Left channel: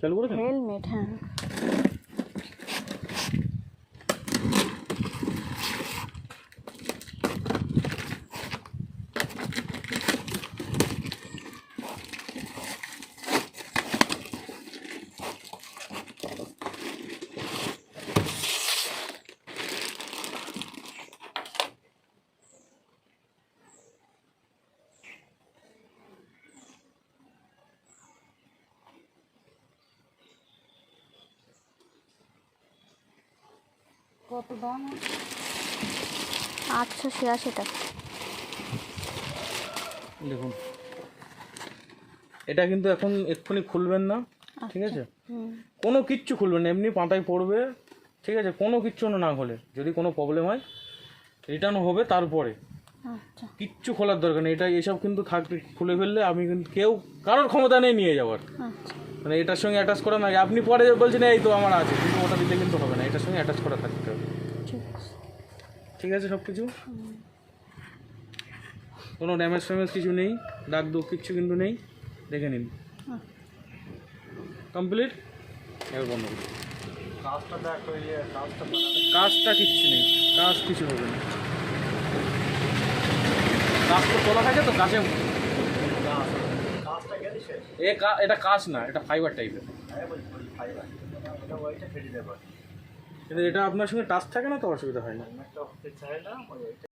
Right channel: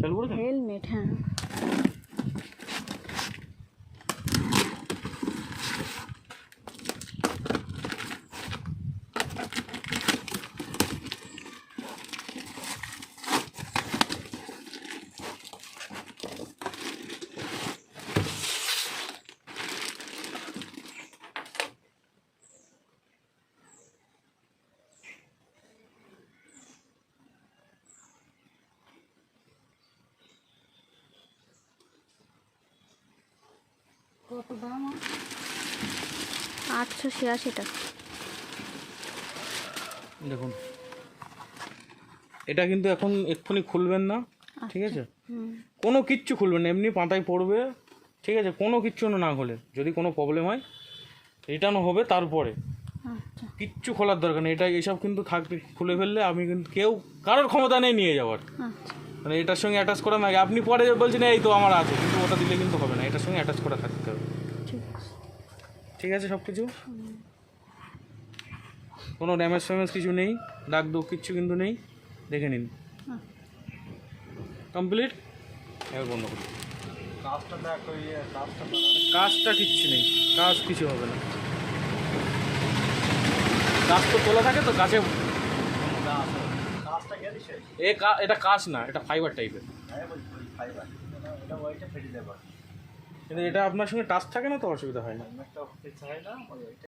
চালু করে হেলমেট, হ্যাঁ। কত দাম? আচ্ছা, সে আছে টাকা। দেখুন, এটা কিন্তু এখন এক্ষুনি খুলবেন না, ঠিক আছে? কোনো কিচ্ছু খুলবেন না, এমনি পাতায় পড়বে, ঠিক আছে? কোনো কিচ্ছু না হলে, যদি কোনো প্রবলেম হয় রিটার্ন হবে, তারপরে কিচ্ছু খোলার দরকার নেই। এটা এসব কিন্তু থাকবে, খুলে ফেললে আমি কিন্তু কারোর ক্ষমতা নেই নিয়ে যাওয়ার। মানে এটার সঙ্গে অ্যাটাচ করা না, আপনি পরে বলছেন এই তো আমার আছে, কিন্তু ওটা দিলে কিন্তু হবে না, এটার সঙ্গে অ্যাটাচ করা থাকতে হবে। ঠিক আছে? সব কিছু কোনো ড্যামেজ ফ্যামেজ কিছু নেই, দাগ দোগ কিচ্ছু কিন্তু নেই, দেখে নিন। কমপ্লিট। এবার বন্ধ। কাজটা কিচ্ছু নেই, কাজ কিছু হবে না। কাজ তো খোলা থাকে তো, কাজে এটা কাজ না, এটা ফাইবার টাইপের। কিন্তু এটা আপনার সঙ্গে টাচ থাকে না তো অসুবিধা হয় না।